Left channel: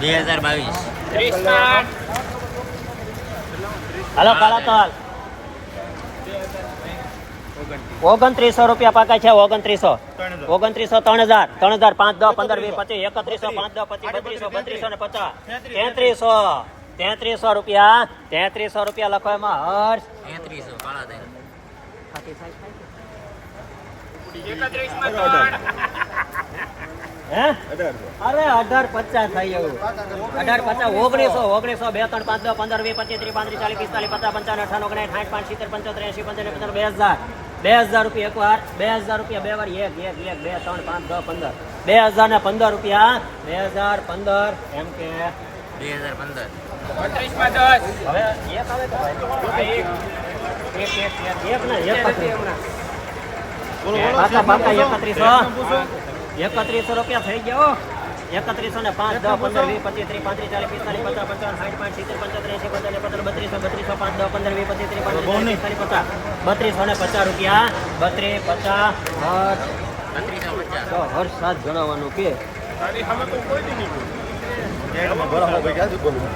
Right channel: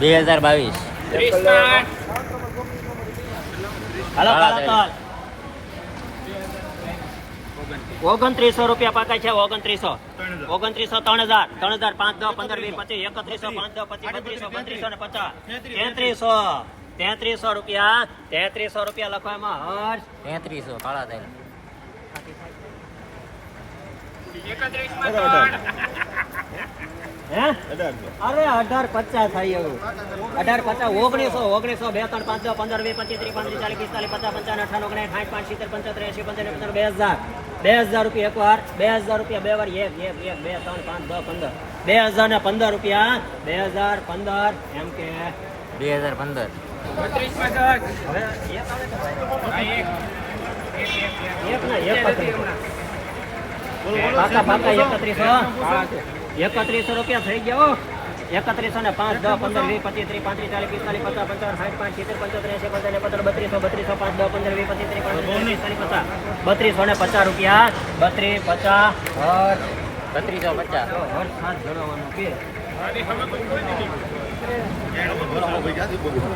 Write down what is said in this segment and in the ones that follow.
બે હજાર બાવીસ. હલો ચાલો ઓગણત્રીસો રૂપિયા પાકા છે ઓગણત્રીસો. ઓગણત્રીસો ત્રણ હજાર. ત્રણ હજાર પાંચ દસ પંદર વીસ પચીસ. એકત્રીસો પાંચ દસ પચીસ બત્રીસો બત્રીસો ને પચાસ. તેત્રીસો. તેત્રીસો રૂપિયા. તેત્રીસો રૂપિયા લખો એમાં. હર્ષ. તેત્રીસો કાળા દે. હે અરે અઢાર પચાસ થાય એવું અઢાર પચાસ ઓગણીસો ઓગણીસો બે ત્રણ પાંચ દસ પંદર વીસ પચીસ ત્રીસ પાંત્રીસ ચાલીસ પિસ્તાલીસ પચાસ પંચાવન અઠાણું ઓગણીસ સાઠ પાંચ સિત્તેર પંચોતેર એસી પંચાવન પંચાવન બે હજાર બે હજાર રૂપિયા એક વાર બે હજાર રૂપિયા બે વાર એક એક એક બે ત્રણ પાંચ દસ પંદર બે હજાર ને પંદર રૂપિયા બે હજાર પંદર એમ કે બે હજાર પંદર હવે એક આવે કે ભાઈ? એક ને એકત્રીસ પાકા પાકા એકત્રીસો એકત્રીસો રૂપિયા થઈ ગયા હો. એકત્રીસો ને પાંચ દસ પંદર વીસ પચીસ ત્રીસ પાંત્રીસ ચાલીસ પિસ્તાલીસ પચાસ પંચાવન સાઠ પાંચ સિત્તેર પંચોતેર એસી પંચાવન પંદર બત્રીસો બત્રીસો પાંચ દસ પંદર વીસ પચીસ ત્રીસ પાંત્રીસ ચાલીસ પિસ્તાલીસ પચાસ. બત્રીસો ને પચાસ રૂપિયા. બત્રીસ પચાસ બત્રીસો પચાસ. વર્ષ સાત જણાવવાનું કે.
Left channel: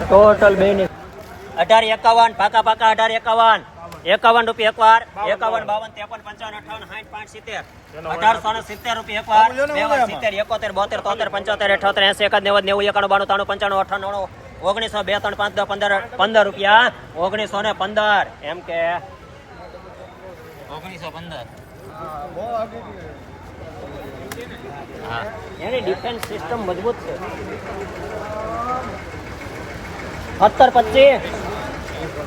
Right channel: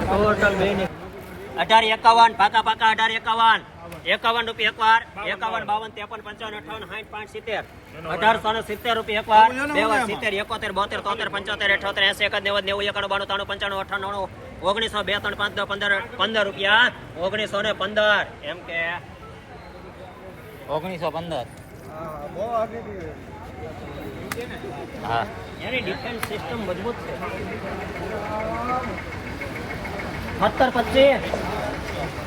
ટોટલ બે અઢાર એકાવન પાકા પાકા અઢાર એકાવન. એકાવન રૂપિયા એક વાર એકાવન બાવન ત્રેપન પંચાવન અઠાવન સાઠ પાંચ સિત્તેર. અઢારસો ને સિત્તેર રૂપિયા એક વાર બે વાર સિત્તેર એકોતેર બોતેર તોતેર પંચોતેર અઠોતેર એસી એકાદ નેવું નેવું એકાણું બાણું ત્રાણું પંચાણું અઠાણું ઓગણીસો બે ત્રણ પાંચ દસ પંદર પંદર રૂપિયા ઓગણીસો ને પંદર. એમ કે ઓગણીસો પંદર. હા. એની ડિફેન્સ સિસ્ટમ મજબૂત છે. સત્તર પચીસ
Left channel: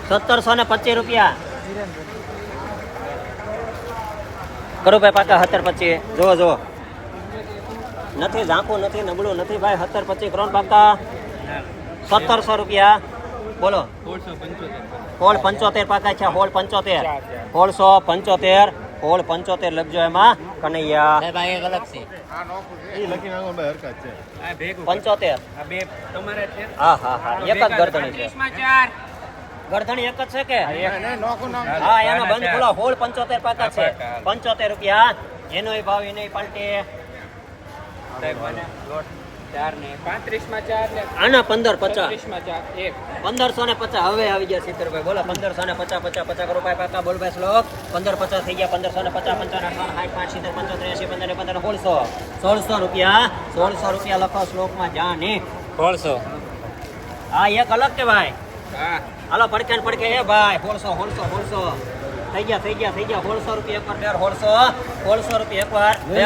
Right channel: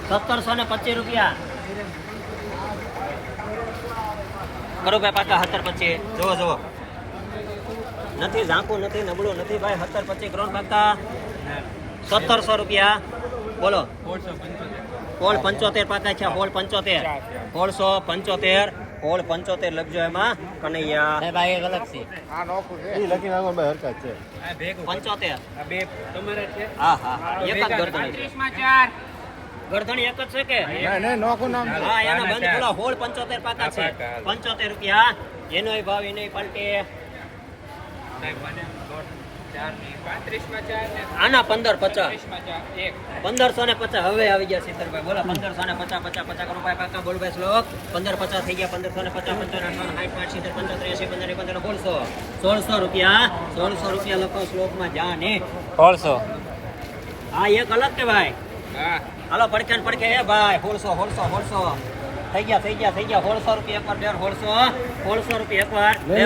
સત્તરસો ને પચીસ રૂપિયા. કરો ભાઈ પાકા સત્તર પચીસ જોવો જોવો નથી ઝાંખું નથી નબળું નથી ભાઈ સત્તર પચીસ કરોડ પાકા સત્તરસો રૂપિયા બોલો હોળ પંચોતેર પાકા છે હોળ પંચોતેર હોળસો પંચોતેર હોળ પંચોતેર લખજો એમાં કનૈયા ભાઈ એક અલગ છે એ લખી નાખો ભાઈ હરકત છે પંચોતેર બે તમારા છે હા હા હા એક જ ઘર 35 માં 4 ગરધણી એક જ છે કે? હા એનો બંધ પેલો હોળ પંચોતેર પાકા છે. પંચોતેર રૂપિયા. એનો એ ભાવ એનો પલટે આના પંદર પચાસ. ને પચાસ. હવે આવી ગયા સિત્તેરભાઈ બોલો પંદરસો ને પચાસ પચાસ પચાસ રૂપિયા પાકા બોલ ભાઈ શ્લોક. પંદર પચાસ થઈ ગયા પંદરસો ને પચાસ પંચાવન અઠાવન પાંચ સિત્તેર પંચોતેર પંદર પંદર સોળસો. સોળસો રૂપિયા સોળસો રૂપિયા લખો શ્લોકમાં જા ને હા એક અલગ કે ભાઈ? હાલો પડકે પડકે એ ભાઈ સોળસો સોળસો સોળસો થઈ ગયા થઈ ગયા થઈ ગયા. સોળસો રૂપિયા એક વાર બેર સોળસો સોળસો રૂપિયા એક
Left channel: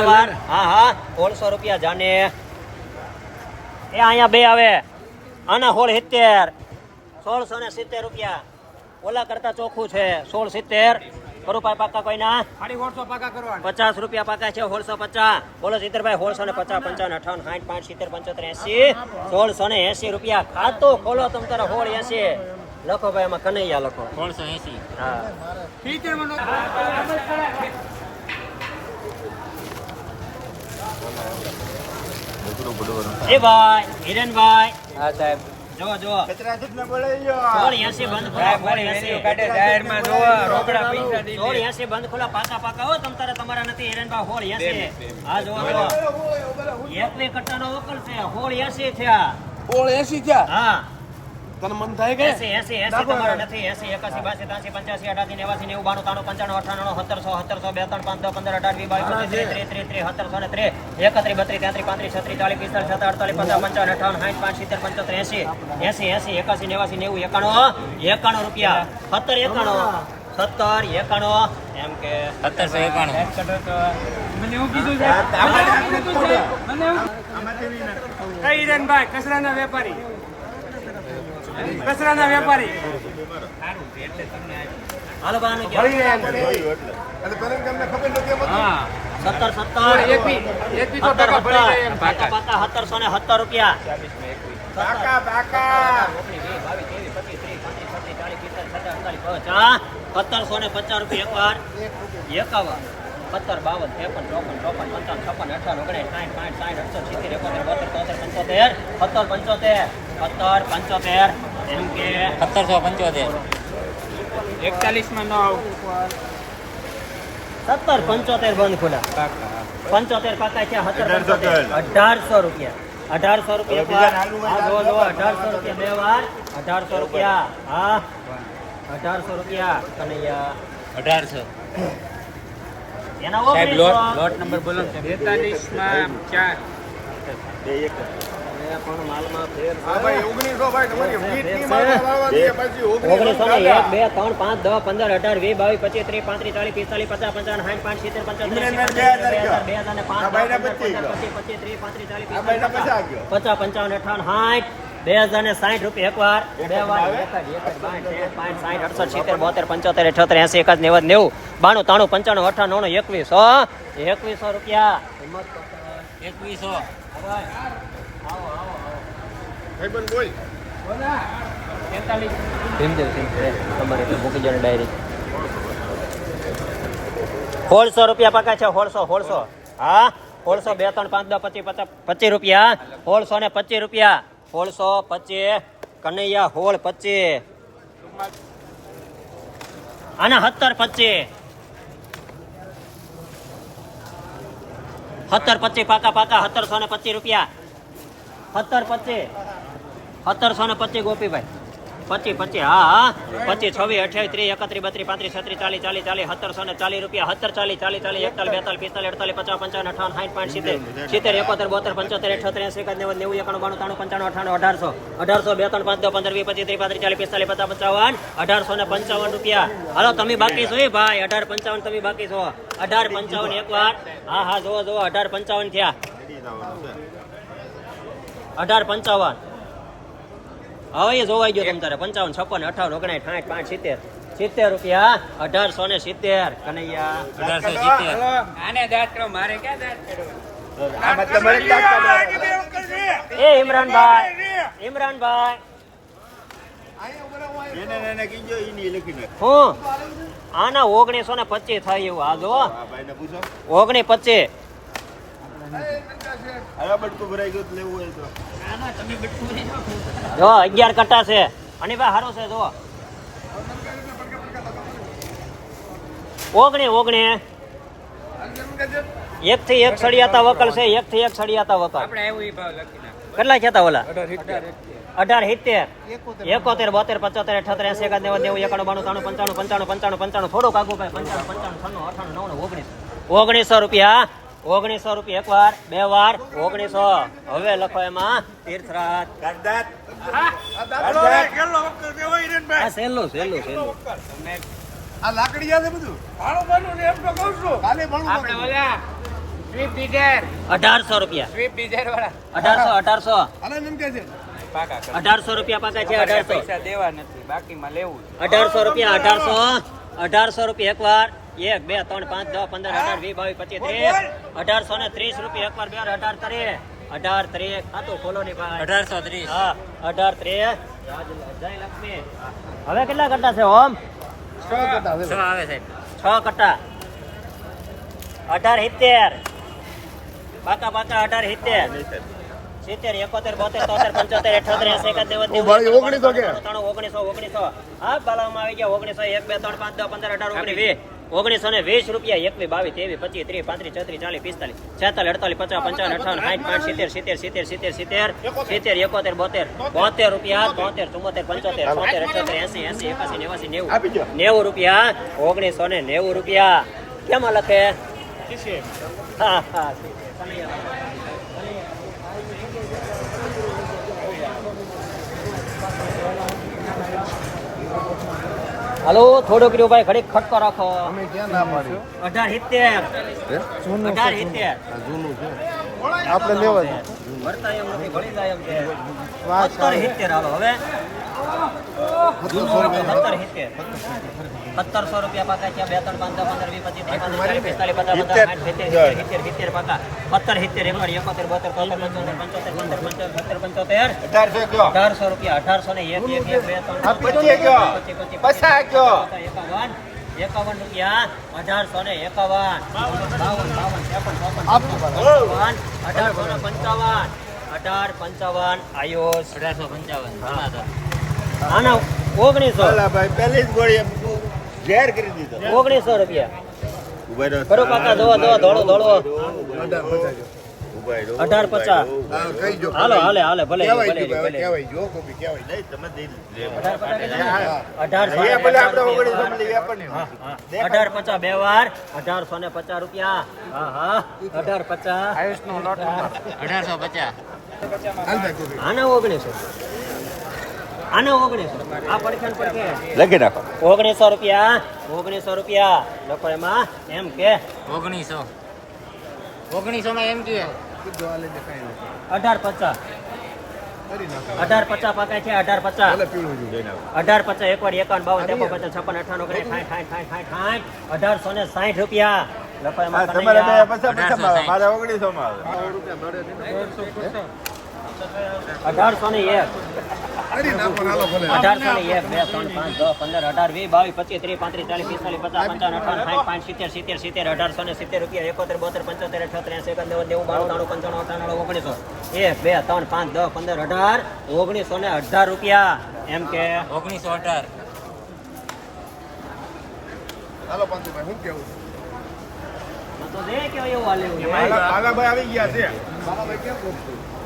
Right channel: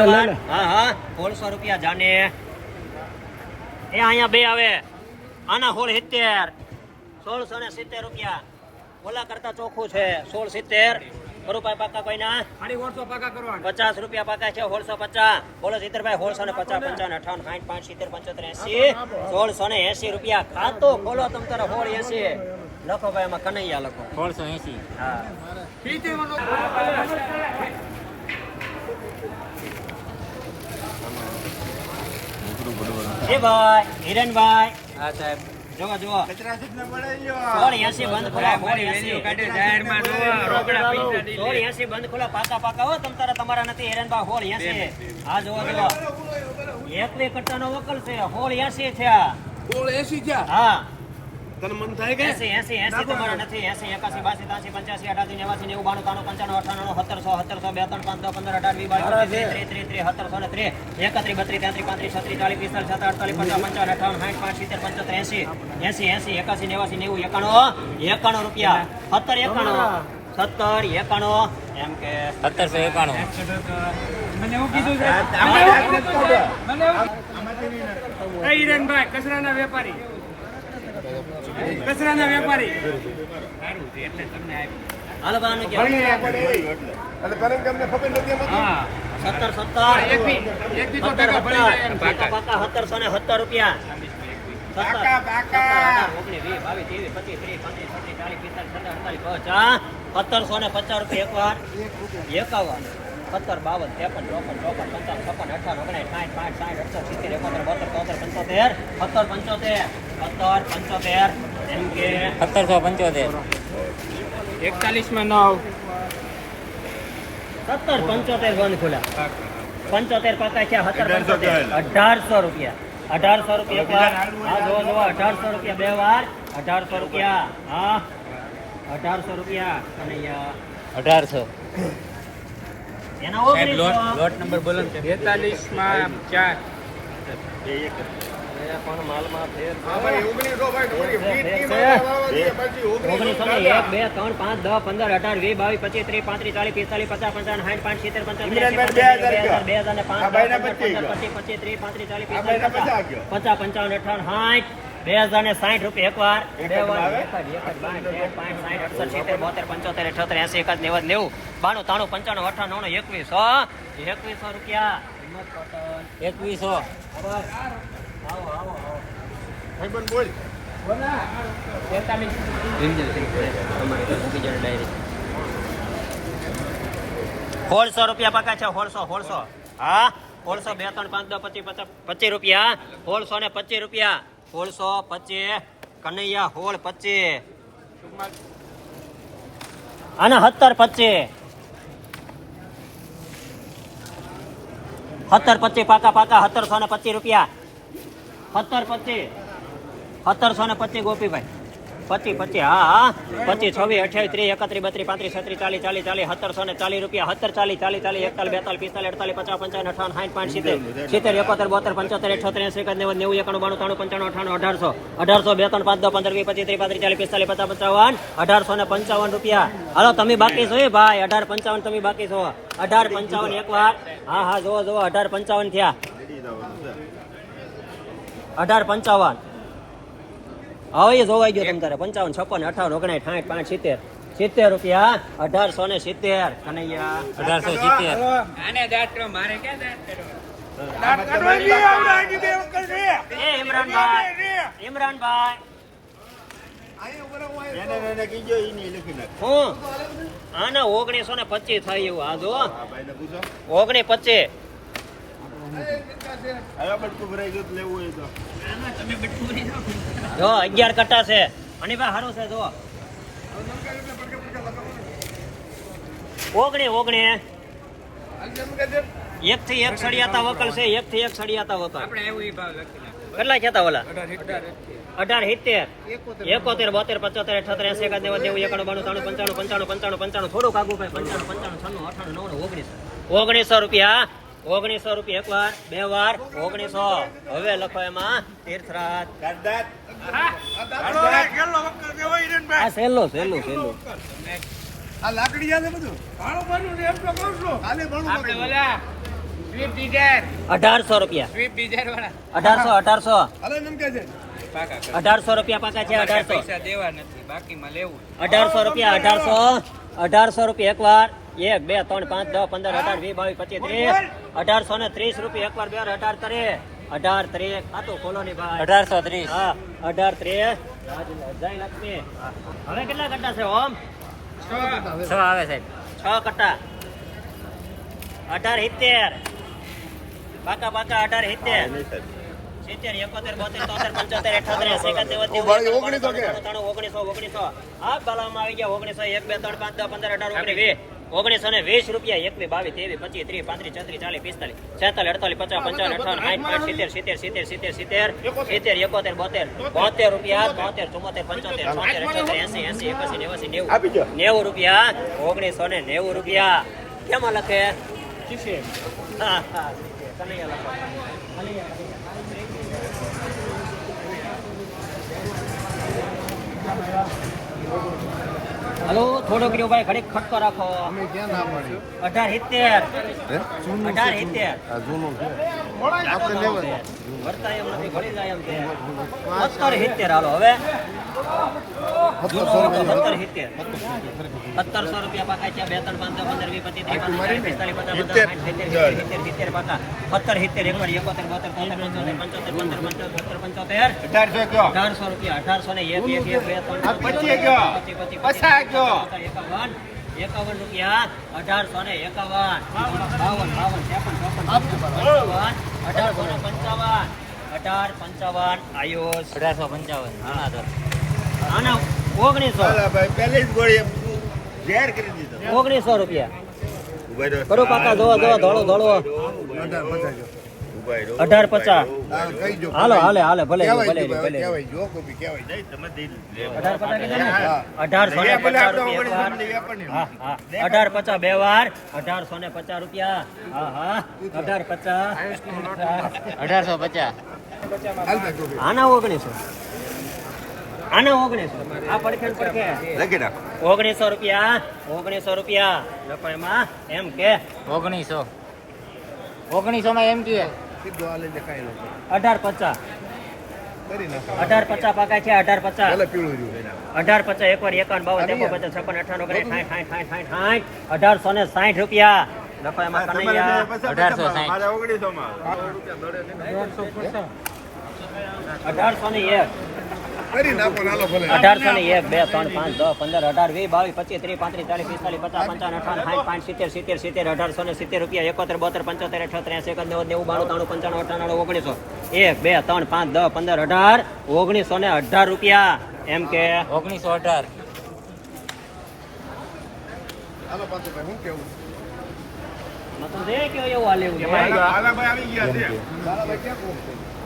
વાર હા હા. સોળસો રૂપિયા જાને. એ અહીંયા બે આવે. આના હોળ સિત્તેર. સોળસો ને સિત્તેર રૂપિયા. ઓલા કરતા ચોખ્ખું છે. સોળ સિત્તેર. કરું ભાઈ પાકા કોઈના પચાસ રૂપિયા પાકા છે સોળસો પચાસ. બોલો સિત્તેરભાઈ હોળસો ને પચાસ પંચાવન અઠાવન સાઠ પાંચ સિત્તેર પંચોતેર એસી. સોળસો ને એસી રૂપિયા. ખાતો ખોલો તમ તારે હોળ એસી. લખો ભાઈ એમાં કનૈયા લખો. ત્રણસો એસી. એ ભાઈ હિરણભાઈ. હા સાહેબ. જો જો બંધ ખોલા પાકા પાકા હો તમ તારે તમારા નથી હિરેનભાઈ સોળ એસી. હા જો એકવી કટ્ટાનો વકલ છે હોળ એસી થયા. હોળ એસી થયા? હા. તને મન થાય કે? એસી એસી એસી તમારા નથી એસી એકાસી બાસી ત્રાસી પંચ્યાસી અઠાસી નેવાસી નેવું બાણું ત્રાણું પંચાણું અઠાણું સત્તરસો સત્તરસો બે ત્રણ પંદર અઢાર વીસ બાવીસ પચીસ ત્રીસ ત્રીસ ત્રીસ ત્રીસ સત્તરસો ને ત્રીસ એકત્રીસ બત્રીસ તેત્રીસ પાંત્રીસ છત્રીસ ચાલીસ પિસ્તાલીસ છત્રીસ અડતાલીસ પચાસ પંચાવન અઠાવન સાઠ પાંચ સિત્તેર પંચોતેર એસી એસી એસી એકાસી નેવાસી નેવું એકાણું એકાણું રૂપિયા. સત્તર એકાણું સત્તર એકાણું એમ કે સત્તરસો એકાણું. મને એવું કીધું કઈ હિરેનભાઈ કચરાના વેપારી. કચરાના વેપારી. સત્તર ને રૂપિયા. સત્તરસો ને પચાસ રૂપિયા એક વાર એકાવન. સત્તર બાવન ત્રેપન ચોપન ચોપન પંચાવન છપ્પન અઠાવન ઓગણીસ સાઠ પાંચ સાઠ અડસઠ સિત્તેર એકોતેર બોતેર તોતેર પંચોતેર સત્તર પંચોતેર સત્તર પંચોતેર એમ કે સત્તરસો પંચોતેર. એકતાલીસમાં નવ. સત્તર પંચોતેર બંધ ખુલ્લા પંચોતેર પાકા છે સત્તર પંચોતેર. અઢારસો રૂપિયા. અઢારસો રૂપિયા એક વાર હા જો જો અઢારસો રૂપિયા બે વાર. અઢારસો રૂપિયા. હા. અઢારસો રૂપિયા. કનૈયા અઢારસો. એના સાહેબ લોટ નંબર બોલો ને. પણ માલમાં ફેર ઓગણીસો એક બે ત્રણ પાંચ દસ પંદર અઢાર વીસ બાવીસ પચીસ ત્રીસ પાંત્રીસ ચાલીસ પિસ્તાલીસ પચાસ પંચાવન સાઠ પાંચ સિત્તેર એંસી, બે હજાર ને પાંચ પચીસ પચીસ ત્રીસ પાંત્રીસ ચાલીસ પિસ્તાલીસ પચાસ પંચાવન અઠાવન સાઠ બે હજાર ને સાઠ રૂપિયા એક વાર. બે વાર અડસઠ, સિત્તેર, બોતેર, પંચોતેર, અઠ્યોતેર, એંસી, એકાદ, નેવું, નેવું, બાણું, ત્રાણું, પંચાણું, નવ્વાણું, એકવીસો, એકવીસો રૂપિયા. એકવીસો. સોળસો રૂપિયા પાકા છે સોળસો સોળસો હા સોળસો બે, ત્રણ, પાંચ, દસ, પચીસ, પચાસ, પચીસ રૂપિયા. સોળસો ને પચીસ રૂપિયા. સોળસો પચીસ, કનૈયા હોળ પચીસ. અને સત્તર પચીસ. સત્તર પચીસ પાકા પાકા સત્તરસો ને પચીસ રૂપિયા. સત્તર પચીસ. સત્તરસો ને પચીસ ગોપીભાઈ. પચી પચીસ હા હા. પચી છવ્વીસ અઠ્યાવીસ ત્રીસ એકત્રીસ બત્રીસ પાંત્રીસ છત્રીસ ચાલીસ ચાલીસ ચાલીસ સત્તરસો ને ચાલીસ રૂપિયા સત્તર ચાલીસ ચાલીસ ચાલીસ એકતાલીસ બેતાલીસ પિસ્તાલીસ અડતાલીસ પચાસ પંચાવન અઠાવન સાઠ પાંચ સિત્તેર. સિત્તેર એકોતેર બોતેર પંચોતેર અઠ્યોતેર એસી એકાદ નેવું નેવું એકાણું બાણું ત્રાણું પંચાણું અઠાણું અઢારસો. અઢારસો બે ત્રણ પાંચ દો પંદર વીસ પચીસ ત્રીસ પાંત્રીસ ચાલીસ પિસ્તાલીસ પચાસ પંચાવન. અઢારસો ને પંચાવન રૂપિયા. હાલો તમે બાકી છો એ ભાઈ? અઢાર પંચાવન તમે બાકી છો. અઢાર પંચાવન એક વાર. હા હા જુઓ જુઓ અઢાર પંચાવન થયા. અઢાર પંચાવન. હવે એ જોવાઈ ગયો તમ તારે પંચાવન છપ્પન અઠાવન ઓગણીસ સાઠ પાંચ સિત્તેર. સિત્તેર રૂપિયા અઢારસો ને સિત્તેર. કનૈયા. અઢારસો સિત્તેર. આને ઓગણીસો ને મારે થાય એવું કરો એ ઇમરાનભાઈ ઇમરાનભાઈ. હું આના ઓગણીસો ને આ જો અગિયાર કટ્ટા છે. અને ભાઈ સારું છે જો. ઓગણી ઓગણી. એક થી એક સળિયાતા વકલ છે એક થી એક સળિયાતા વકલ. કેટલા કહેતા ઓલા? અઢાર સિત્તેર. એકોતેર બોતેર પચોતેર અઠોતેર એસી એકાદ નેવું નેવું એકાણું બાણું ત્રાણું પંચાણું પંચાણું પંચાણું પંચાણું. થોડુંક આગું પંચાણું પંચાણું છન્નું અઠાણું નવ્વાણું ઓગણીસ. ઓગણીસો રૂપિયા. ઓગણીસો રૂપિયા એક વાર બે વાર ઓગણીસો. હવે લખો એમાં તીર્થરાજ. આ સહેલો સહેલો સહેલો આપણે ઓલા સ્વીપ ડિઝાયર. અઢારસો રૂપિયા. સ્વીપ ડિઝાયર વાળા અઢારસો. અઢારસો અઢારસો રૂપિયા પાકા છે અઢારસો. દેવા નથી અઢારસો રૂપિયા અઢારસો. અઢારસો રૂપિયા એક વાર એક બે ત્રણ પાંચ દસ પંદર અઢાર વીસ બાવીસ પચીસ ત્રીસ અઢારસો ને ત્રીસ રૂપિયા એકવાર બે અઢાર ત્રીસ અઢાર ત્રીસ ખાતું ખોલો ની ભાઈ. અઢારસો ત્રીસ. હા અઢાર ત્રીસ. જય લક્ષ્મી હવે કેટલા કટ્ટા છે ઓમ? છ આવે સાહેબ. છ કટ્ટા. અઢાર સિત્તેર. પાકા પાકા અઢાર સિત્તેર. સિત્તેર એકોતેર બોતેર તોતેર પંચોતેર અઠોતેર એસી નેવું ઓગણીસો ઓગણીસો ઓગણીસો. હા બાલામાં આવી ગયા ઓગણીસો એક બે ત્રણ પાંચ દસ પંદર અઢાર ઓગણીસ. વીસ ઓગણીસો ને વીસ રૂપિયા એકવી બાવીસ ત્રેવીસ પચીસ ત્રીસ પાંત્રીસ ચોત્રીસ ચાલીસ પિસ્તાલીસ છેતાલીસ અડતાલીસ પચાસ પંચાવન અઠાવન સાઠ પાંચ સિત્તેર સિત્તેર સિત્તેર સિત્તેર સિત્તેર સિત્તેર એકોતેર બોતેર બોતેર. રૂપિયા બોતેર. ચુમ્મોતેર પંચોતેર બોતેર અઠોતેર એસી એસી એકાસી નેવાસી નેવું. નેવું રૂપિયા ઓગણીસો ને નેવું રૂપિયા. કેમાં લખે હા હા. હલો થોડો કર્યો ભાઈ ઘડીક ખટકો રાખો. અમે ક્યાં ના પાડી? અઢાર સિત્તેર. અઢાર સિત્તેર. જૂનું છે. આપણે લેવા છે. વર્તાય એમ નથી ભળી જાય એમ છે સત્તર સિત્તેર હાલો હવે. સત્તર સિત્તેર. સત્તરસો રૂપિયા પાકા છે બે ત્રણ પાંચ દસ પંદર વીસ પચીસ ત્રીસ પાંત્રીસ પિસ્તાલીસ પચાસ પચાસ સાઠ સિત્તેર સિત્તેર સિત્તેર સિત્તેર પાકા. સત્તર સિત્તેર એકવાર એકોતેર બોતેર તોતેર પંચોતેર પંચોતેર પંચોતેર પંચોતેર પંચોતેર. અઢારસો રૂપિયા અઢારસો ને એક એક એક બે ત્રણ પચીસ પચીસ પચીસ એકાવન. એકાવન રૂપિયા અઢારસો ને એકાવન. બાવન બાવન ત્રેપન ચોપન પંચાવન. અઢારસો પંચાવન અઢાર પંચાવન આયુષ અઢારસો પંચાવન જમાતો આના ઓગણીસો ભાઈ પહેલી જ ગોળી ઝેર કરી દીધો. ઓગણીસો રૂપિયા. કરો કાકા ધોળો ધોળો. અઢાર પચાસ. હાલો હાલે હાલે ભલે બી અઢાર પચાસ વાર. અઢારસો ને પચાસ રૂપિયા. હા હા. અઢાર પચાસ. અઢારસો પચાસ. આના ઓગણીસો. આના ઓગણીસો. આ પડખે ને પડખે. લખી નાખો. ઓગણીસો રૂપિયા. ઓગણીસો રૂપિયા. લખો એમાં. એમ કે? ઓગણીસો. ઓગણીસો માં એમ કે? સીધો હાલે છે, કાંઈ ન કરે. અઢાર પચાસ કરી નાખો અઢાર પચાસ પકાય છે અઢાર પચાસ પીળું. અઢાર પચાસ એકવાર એકાવન બાવન ત્રેપન પચાસ છપ્પન અઠાણું કરે સાઠ સાઠ સાઠ સાઠ સાઠ અઢારસો ને સાઠ રૂપિયા લખો એમાં કનૈયા અઢારસો સાઠ. ઓગણીસો માં. અઢારસો ને એક અઢારસો ને એક બે ત્રણ પાંચ દસ પંદર અઢાર વીસ બાવીસ પચીસ ત્રીસ પાંત્રીસ ચાલીસ પિસ્તાલીસ પચાસ પંચાવન અઠાવન સાઠ પાંચ સિત્તેર સિત્તેર સિત્તેર અઢારસો ને સિત્તેર રૂપિયા એકોતેર બોતેર પંચોતેર અઠોતેર એસી એકદ નેવું નેવું બાણું ત્રાણું પંચાણું અઠાણું ઓગણીસો. એક બે ત્રણ પાંચ દસ પંદર અઢાર ઓગણીસો ને અઢાર રૂપિયા. એમ કે? ઓગણીસો અઢાર. હાલો કેવું?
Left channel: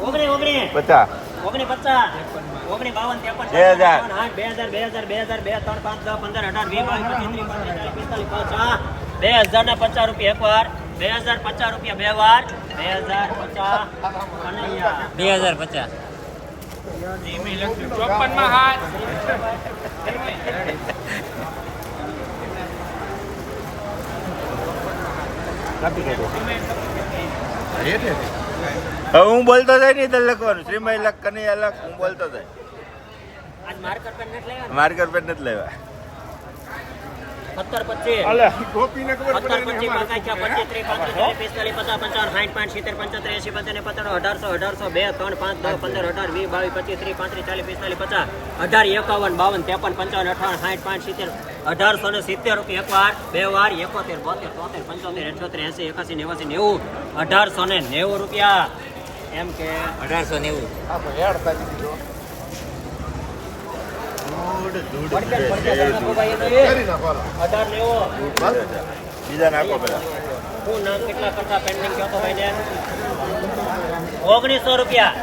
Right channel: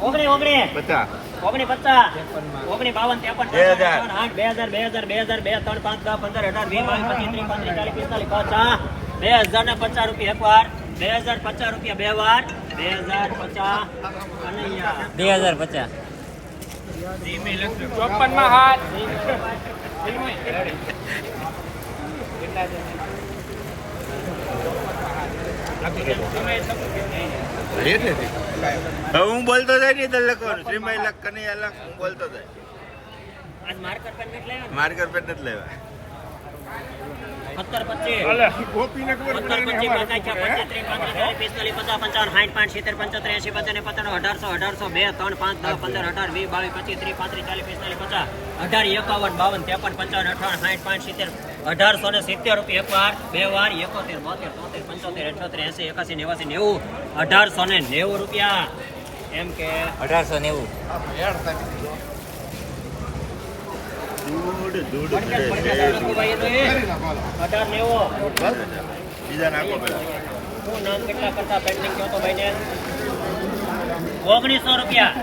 ઓગણી ઓગણી. પચાસ. ઓગણી પચાસ ઓગણી બાવન ત્રેપન બે હજાર. આઠ બે હજાર બે હજાર બે હજાર બે ત્રણ પાંચ દસ પંદર અઢાર વીસ બાવીસ પચીસ ત્રીસ પાંત્રીસ ચાલીસ પિસ્તાલીસ પચાસ બે હજાર ને પચાસ રૂપિયા એક વાર બે હજાર પચાસ રૂપિયા બે વાર બે હજાર પચાસ કનૈયા બે હજાર પચાસ હવે હું બોલતો જાય નહીં તો લખવાનું. શ્રીમય લખ કની અલગ હું બોલતો જાય. માર્કર પેન નથી લેવા માર્કર પેન નથી લેવા. સત્તર પચીસ. અઢારસો અઢારસો બે ત્રણ પાંચ દસ પંદર અઢાર વીસ બાવીસ પચીસ ત્રીસ પાંત્રીસ ચાલીસ પિસ્તાલીસ પચાસ અઢાર એકાવન બાવન ત્રેપન પંચાવન અઠાવન સાઠ પાંચ સિત્તેર અઢારસો ને સિત્તેર રૂપિયા એક વાર બે વાર એકોતેર બોતેર તોતેર પંચોતેર અઠોતેર એસી એકાસી નેવાસી નેવું અઢારસો ને નેવું રૂપિયા. એમ કે અઢારસો નેવું પડક્યા ને પડક્યા નાખો ભાઈ એનો એ. અઢાર નેવું બીજા નાખો પેલા શું નામ કેટલા કરતા પેન્શન કહો તો ભાઈને ઓગણીસો રૂપિયા.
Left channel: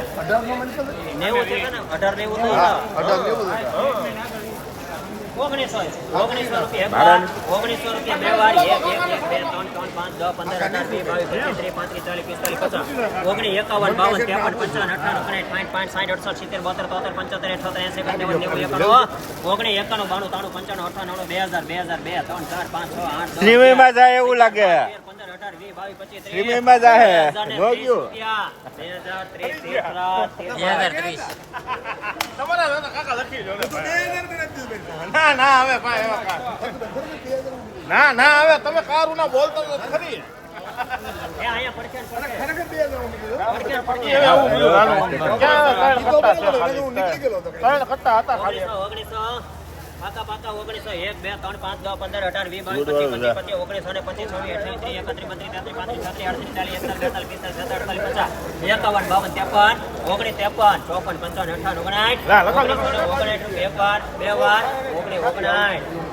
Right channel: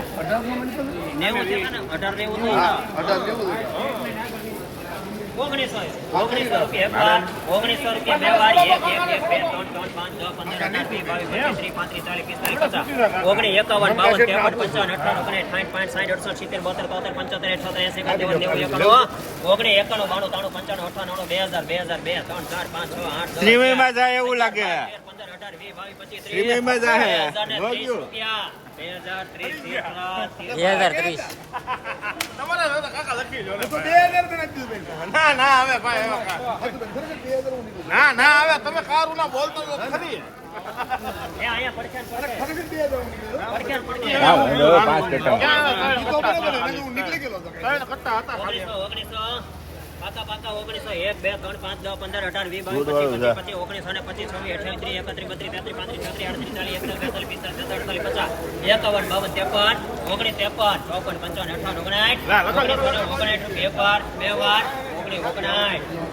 નેવું છે. ને? અઢાર નેવું ઓગણીસો ઓગણીસો બે એક બે ત્રણ ત્રણ પાંચ પંદર અઢાર વીસ બાવીસ પચીસ ત્રીસ પાંત્રીસ ઓગણીસ એકાવન બાવન ત્રેપન પંચાવન અઠાણું ઓગણીસ સાઠ પાંચ સાઠ અડસઠ સિત્તેર બોતેર તોતેર પંચોતેર અઠોતેર એસી એકાણું નેવું એકાણું ઓગણીસ એકાણું બાણું હજાર બે હજાર બે ત્રણ ચાર પાંચ આઠ એવું લાગે. શ્રીમયમાં જાહે. બે હજાર ત્રીસ રૂપિયા. બે હજાર ત્રીસ, ના ના હવે ભાઈ હવે ના ના હવે તમે કારું ના બોલતો ખરી. એ અહીંયા પડખે ને પડખે. પડખે ને પડખે. નીકળી ગયેલો તો ઓગણીસો, ઓગણીસો. પાકા, પાકા, ઓગણીસો. એક, બે, ત્રણ, પાંચ, નવ પંદર, અઢાર, વીસ, બાવીસ, પચીસ, પચીસ, પચીસ, ઓગણીસો ને પચીસ, છવ્વીસ, અઠ્યાવીસ, ત્રીસ, એકત્રીસ, બત્રીસ, તેત્રીસ, પાંત્રીસ, છત્રીસ, આડત્રીસ, ચાલીસ, એકતાલીસ, બેતાલીસ, પિસ્તાલીસ, છેતાલીસ, અડતાલીસ, પચાસ, એકાવન, બાવન, ત્રેપન, ઓગણીસ, ત્રેપન, ચોપન, પંચાવન, અઠાવન, ઓગણસાઠ, ઓગણીસો ઓગણીસ એક વાર બે વાર ઓગણીસ ઓગણસાઠ કનૈયા